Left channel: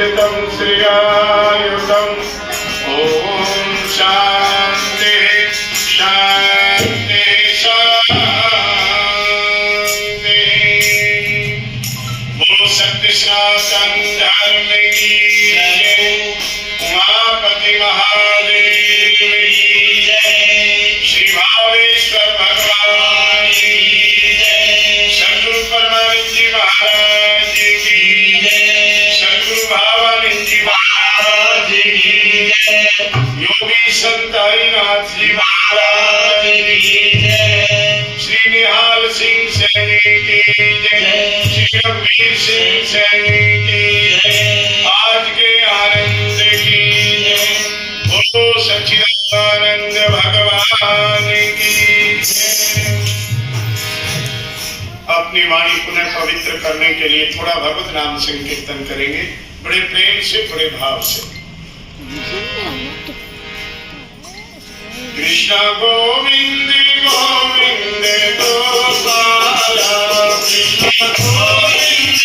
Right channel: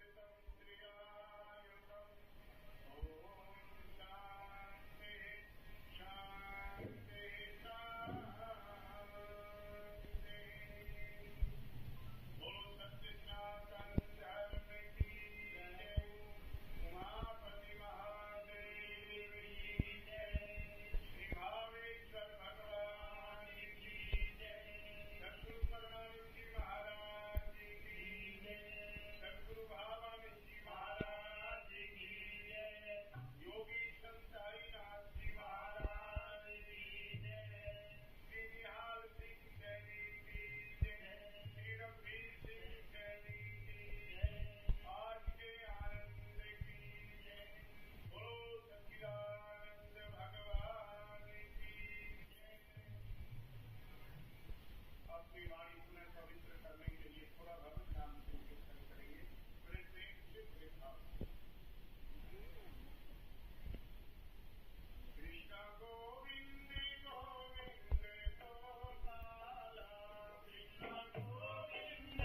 प्रतिष्ठितं श्रियायुतं। ओम शांति शांति शांति। बोलो सत्य सनातन धर्म की जय। उमापति महादेव की जय। श्री भावेश्वर भगवान की जय। सद्गुरु परमानंद जी महाराज की जय। सद्गुरु भावानंद जी महाराज की जय। योगी संताईनाथ जी महाराज की जय। श्री निहाल सिंह सैनी की जय। श्री रघुवीर सिंह सैनी की जय। आज के आनंद की जय। बोलो सच्चिदानंद भगवान की जय। अपनी वाणी पुनः पवित्र करने के लिए थोड़ा भगवत नाम संकीर्तन करेंगे, बड़े प्रेम से, बड़े भाव से। कृष्ण गोविंद गोविंद गोपाला। कृष्ण गोविंद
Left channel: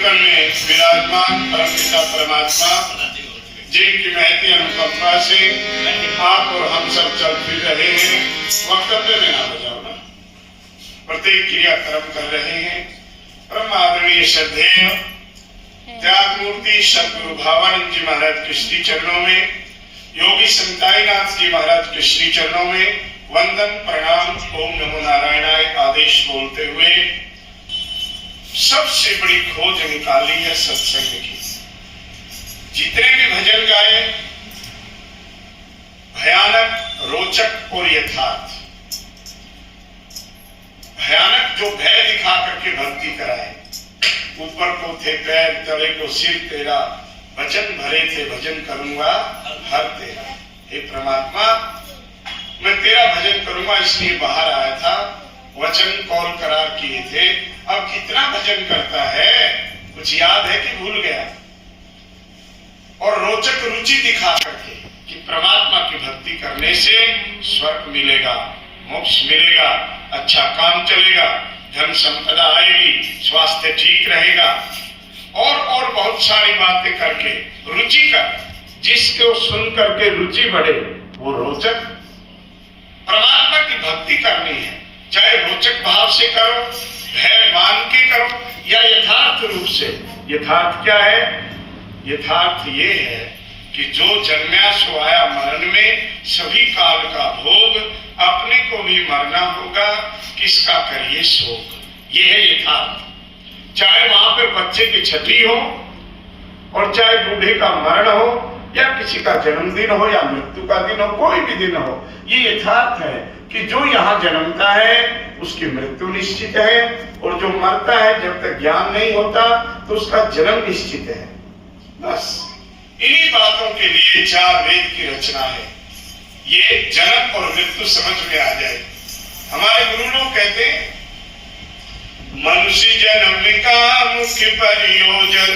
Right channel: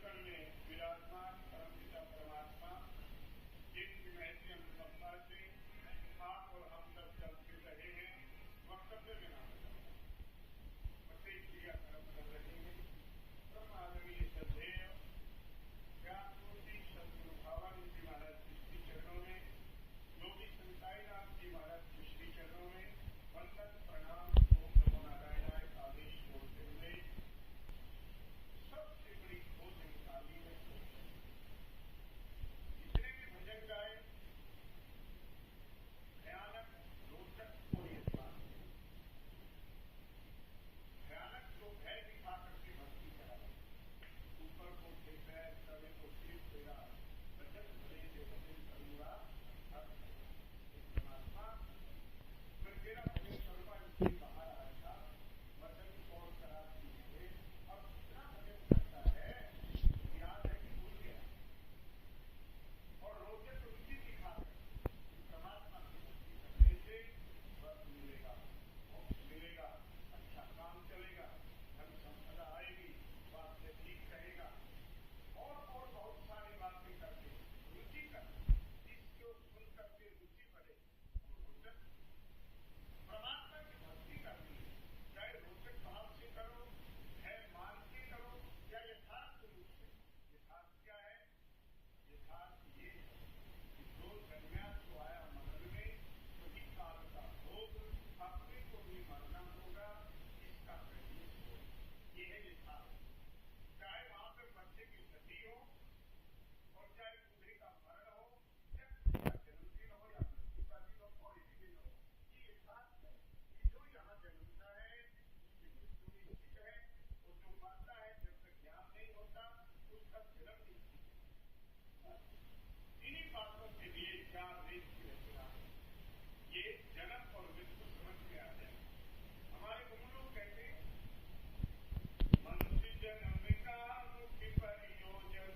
कण में विराजमान परमपिता परमात्मा जिनकी महती अनुकंपा से आप और हम सब चल फिर रहे हैं। वक्तव्य में ना बजाओ ना, प्रत्येक क्रिया कर्म कर रहे हैं। परम आदरणीय श्रद्धेय त्याग मूर्ति सद्गुरु भावानंद जी महाराज के श्री चरणों में, योगी संताईनाथ जी महाराज के श्री चरणों में वंदन प्रणाम ओम नमो नारायणाय आदेश बोलते हुए सबसे बड़ी खोज निकाली है सत्संग की। जितने भी भजन गाए भयानक, रोचक और यथार्थ। भयानक जो भय दिखा करके भक्ति कराए, ऊपर को थे पैर तले को सिर तेरा, वचन भरे थे भजन करूंगा हर तेरा। हे परमात्मा, मैं तेरा भजन करूंगा इसलिए बाहर आया था, वचन कौल करार किए थे। अब कितना भजन करता है, कुछ याद है कि भूल गया? और रोचक रुचि दिखा करके कि परमात्मा की भक्ति करने से स्वर्ग मिलेगा, मोक्ष मिलेगा, अच्छा काम चलेगा, धन संपदा आएगी, स्वास्थ्य ठीक रहेगा, और बहुत सारी बातें करके रुचि का, जिसको सुन करके रुचि बढ़े वो रोचक। परमात्मा की भक्ति करनी है, चाहे रोचक भाव से करो, भय मान के करो, या यथार्थ रूप से। यथार्थ क्या है? यथार्थ ये है कि जो जन्मा सो आया मरण में, सभी काल का भोग, अपने को भी मरना होगा, किसका करिए शोक। ये है यथार्थ। चाहे वहां पर बच्चे की छठी हो, और चाहे बूढ़े का मरण हो, या किसी का जन्मदिन हो, या मृत्यु का दिन हो, कोई भी दिन हो, ये यथार्थ है कि जो यहाँ जन्मता है उसकी मृत्यु निश्चित है, और जो मरता है जब तक ज्ञान नहीं होता तो उसका जन्म निश्चित है। बस इन्हीं बातों के लिए चार वेद की रचना है। ये जन्म और मृत्यु समझ में आ जाए। हमारे गुरु लोग कहते हैं मनुष्य जन्म का मुख्य प्रयोजन,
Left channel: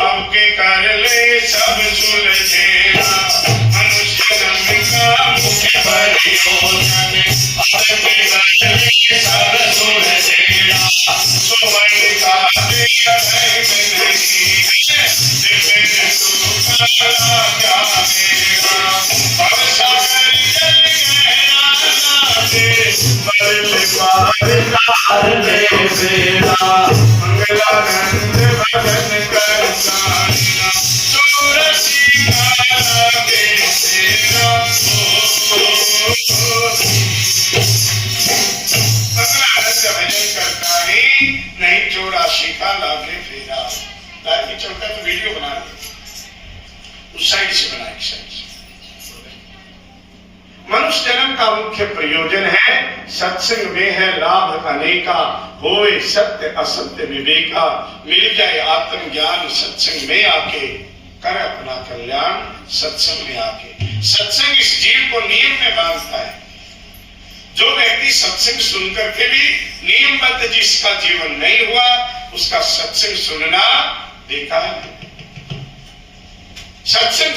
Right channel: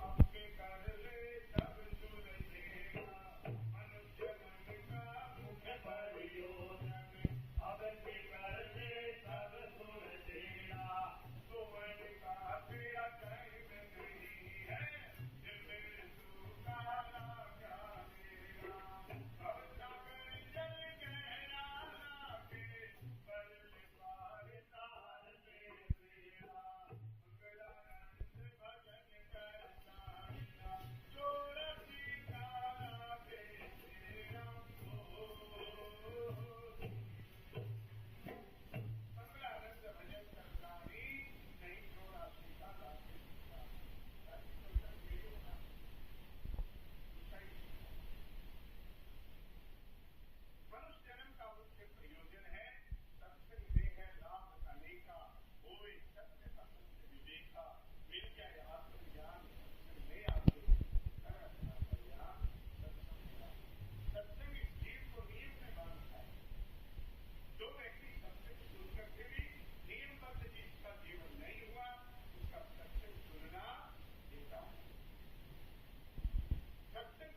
अब के कर ले सब सुलझेगा। मनुष्य जन्म का मुख्य प्रयोजन, अब के कर ले सब सुलझेगा। सुमन का दिया है नहीं है, दिव्य सुख का जानेगा। अब सागर जल गहरा नाचे, बदल पार आगे फेरा। लाइव में चलता है तो वीडियो बना दे, उस साइड से बना, एक साइड से। मनुष्य जन्म का मुख्य प्रयोजन है सत्संग में है लाभ अनेका, होए सत्य असत्य विवेका, मिल जाए आत्मज्ञान सत्संग में आके, कर अपना कल्याण सत्संग में आके। सत्संग इस जीव को नियम में बांधता है। जो व्यक्ति सत्संग सुनकर के भी नियमबद्ध जिसका जीवन नहीं हुआ, उसका सत्संग सुनना बेकार है। सत्संग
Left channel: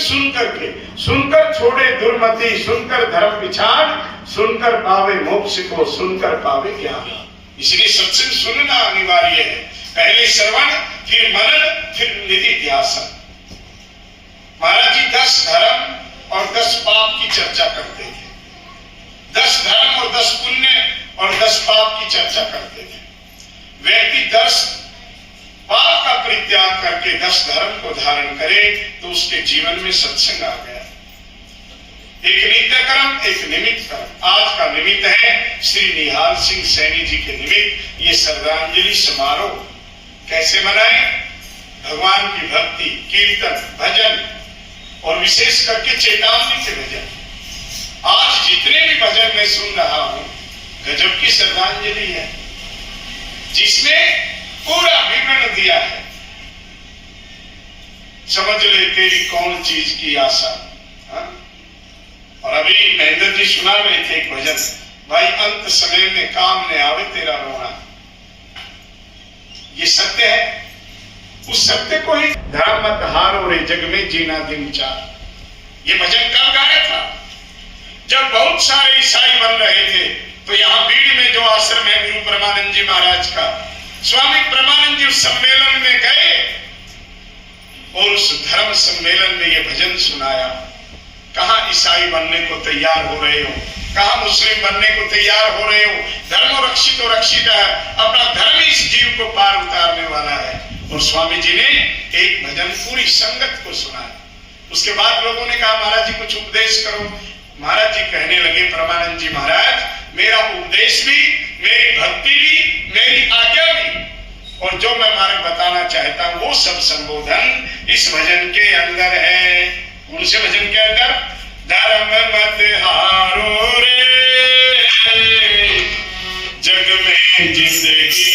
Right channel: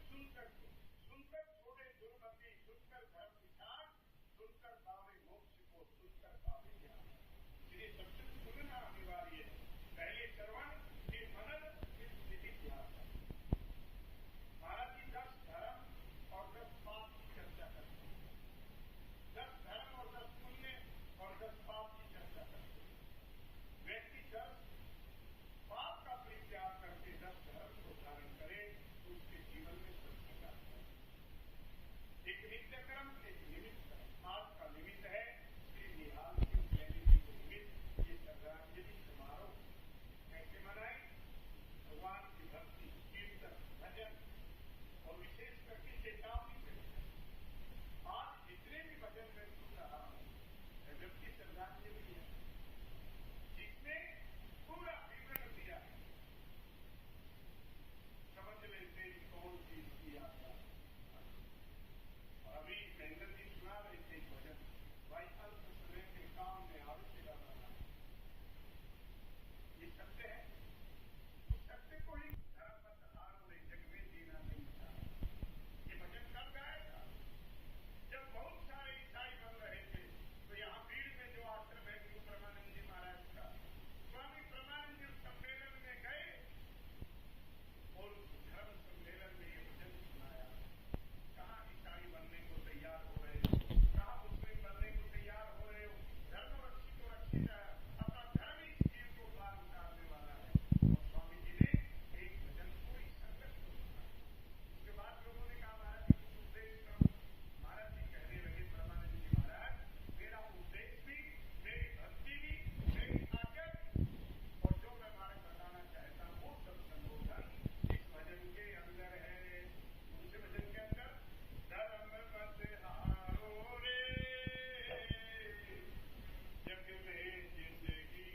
सुनकर छोड़े दुर्मति, सुनकर धर्म पिछाड़, सुनकर पावे मोक्ष को, सुनकर पावे ज्ञान। इसलिए सत्संग सुनना अनिवार्य है। पहले श्रवण, फिर मनन, फिर निधि ध्यासन। महाराज जी 10 धर्म और 10 पाप की चर्चा करते थे। 10 धर्म और 10 पुण्य और 10 पाप की चर्चा करते थे। व्यक्ति 10 पाप का परित्याग करके 10 धर्म को धारण करे तो उसके जीवन में सत्संग आ गया। एक नित्य कर्म, एक निमित्त कर्म। आज का निमित्त है श्री निहाल सिंह सैनी जी के निमित्त ये श्रद्धांजलि समारोह। कैसे मनाए? भगवान की भक्ति, कीर्तन, भजन और विशेष करके चेतावनी के भजन। आज जितने भी भजन मैं सुन रहा हूं, गजब की श्रद्धांजलि है, जिसमें पूरा विवरण दिया है। समझ ले तेरी कौन चीज की आशा। हा? और अभी महेंद्र जी सुना रहे थे एक भजन, भाई अंत समय में काम ने आवे तेरा रोना। ये सत्य है। उस सत्य को ही धर्म मत हारो रे जग में जीना दिन चार। ये भजन कब गाया था? जब बहुत सारे ईसाई बन रहे थे। तो यहाँ बीड़ में जो आश्रम है गुरु परमानंद जी महाराज का, स्वामी परमानंद जी उस सम्मेलन में गए और उस धर्म सम्मेलन में ये भजन सुनाया। कहां ईसाई बनने को तैयार हो रहे हो, कहां मुस्लिम बनने को तैयार हो रहे हो। धर्म रक्षित और रक्षित है, अपना धर्म इस जीव को पार उतारने वाला है। और स्वामी जी ने एक भजन पूरी संगत को सुनाया। उसके बाद लोगों ने कहा महाराज जी कुछ उपदेश करो। महाराज जी कहने लगे, परमानंद जी महाराज, मेरा उपदेश भी, मेरी भक्ति भी, मेरी आज्ञा भी, और जो मैं मार्ग बताना चाहता हूं वो सब संबोधन इस भजन के अंदर है। कौन से भजन के अंदर? धर्म मत हारो रे जग में जिंदगी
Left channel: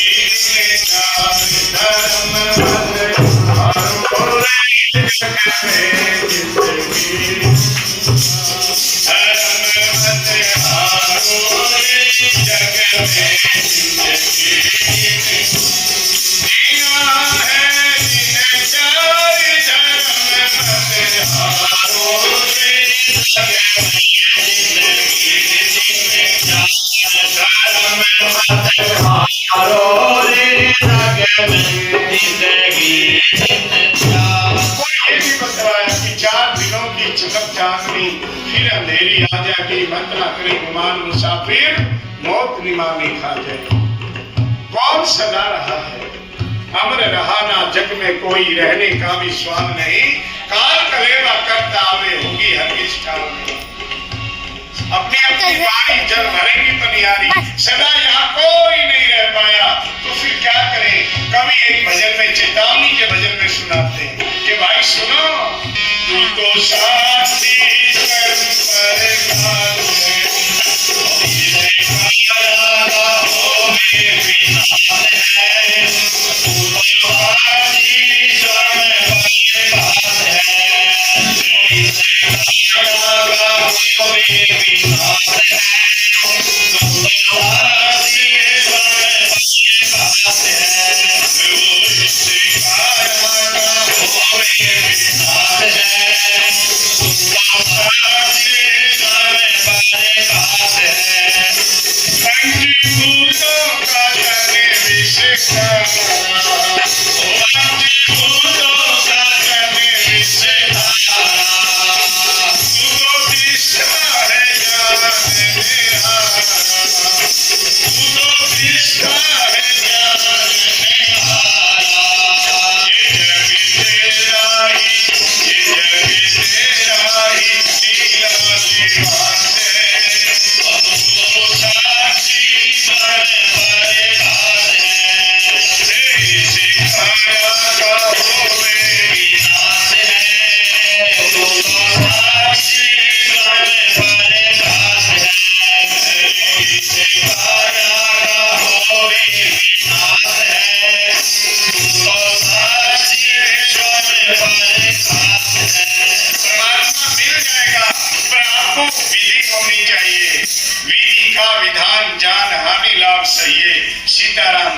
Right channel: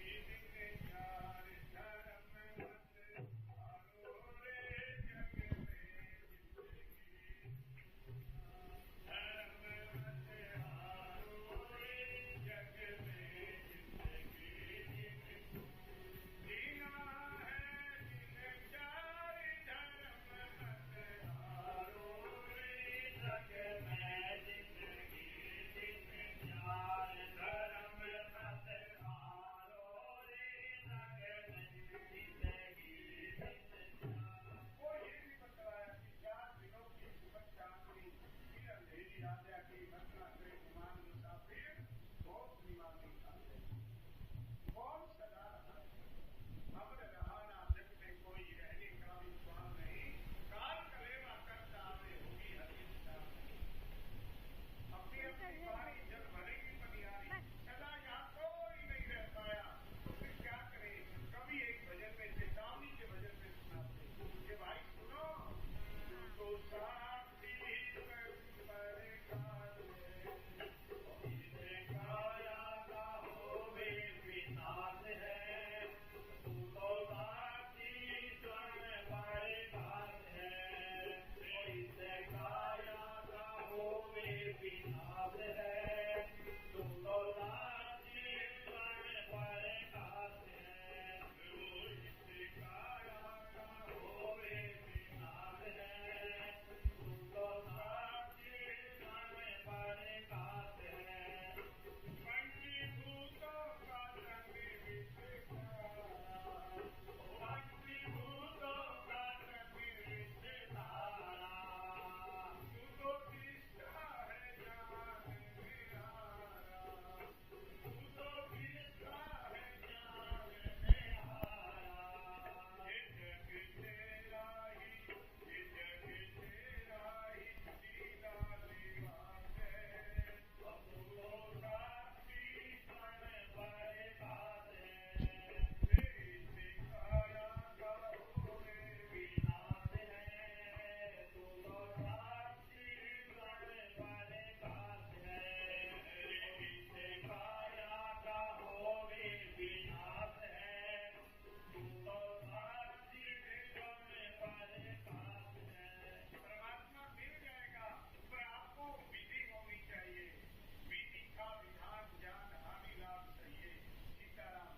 में चार, धर्म मत हारो रे जग में जिंदगी, धर्म मत हारो रे जग में जिंदगी, जीना है दिन चार, धर्म मत हारो रे जग में जिंदगी, धर्म मत हारो रे जग में जिंदगी। कोई ये भी बतलाया कि 4 दिनों की चमक चांदनी, फिर अंधेरी आ जाएगी, मत ना करे गुमान मुसाफिर, मौत निमानी खा जाए। कौन सदा रहा है? अमर रहा ना जग में कोई, रहने का भी स्वाद नहीं, काल कलेवा करता आवे होगी हर किस काल में। अपनी अपनी बारी जल भरेगी पनियारी, सदा यहाँ कोई नहीं रह पाया, तो फिर क्या करें? कभी एक भजन में, चेतावनी के भजन में सुनाते हैं कि भाई सुनो, तू तो साथी कर्म पर घात है,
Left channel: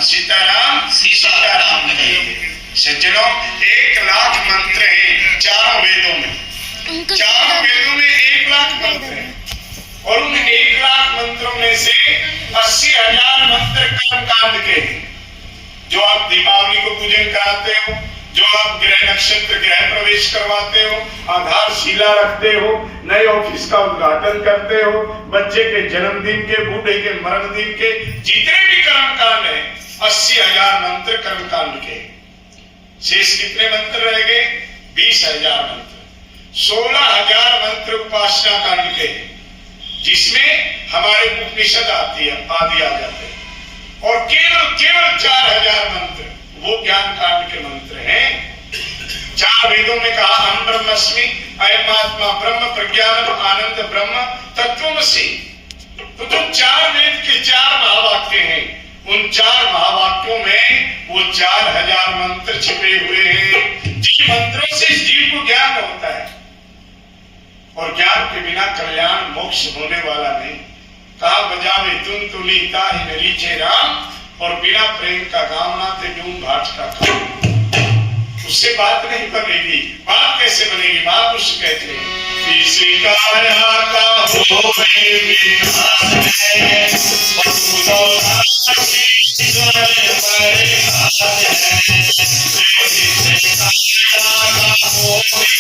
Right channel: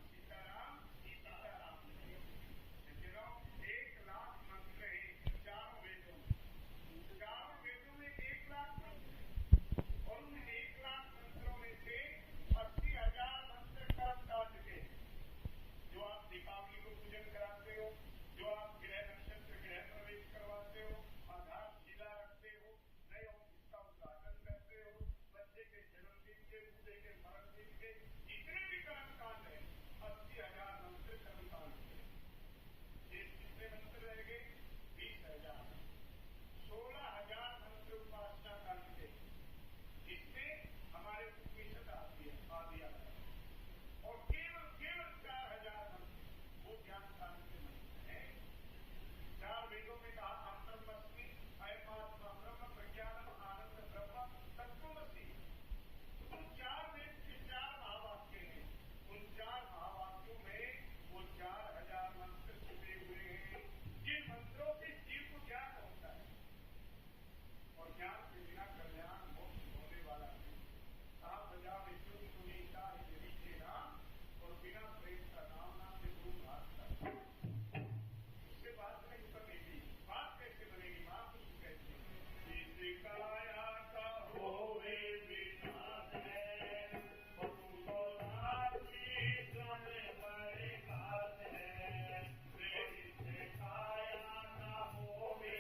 सीताराम सीताराम कहे। सज्जनों 1 लाख मंत्र हैं चारों वेदों में। चारों वेदों में 1 लाख मंत्र हैं और उन 1 लाख मंत्रों में से 80,000 मंत्र कर्मकांड के हैं। जो आप दीपावली को पूजन कराते हो, जो आप ग्रह नक्षत्र गृह प्रवेश करवाते हो, आधारशिला रखते हो, नए ऑफिस का उद्घाटन करते हो, बच्चे के जन्मदिन के, बूढ़े के मरण दिन के, जितने भी कर्मकांड है 80,000 मंत्र कर्मकांड के। शेष कितने मंत्र रह गए? 20,000 मंत्र। 16,000 मंत्र उपासना कांड के, जिसमें हमारे उपनिषद आदि आ जाते हैं और केवल 4,000 मंत्र वो ज्ञान कांड के मंत्र हैं। 4 वेदों में कहा अहम ब्रह्मस्मि, अयम आत्मा ब्रह्म, प्रज्ञानम आनंद ब्रह्म, तत्त्वमसि। तो जो 4 वेद के 4 महावाक्य हैं, उन 4 महावाक्यों में वो 4,000 मंत्र छिपे हुए हैं। जिन मंत्रों से जीव को ज्ञान होता है और ज्ञान के बिना कल्याण मोक्ष होने वाला नहीं। कहा बजावे तुम तुलीता ही नलीचे राम, और बिना प्रेम का कामना ते डूम भाट का काम। उससे बात नहीं बनेगी। बात कैसे बनेगी? महापुरुष कहते हैं इसी काया का होवे विनाश है, ईश्वर बड़े हाथ है। इसी काया का होवे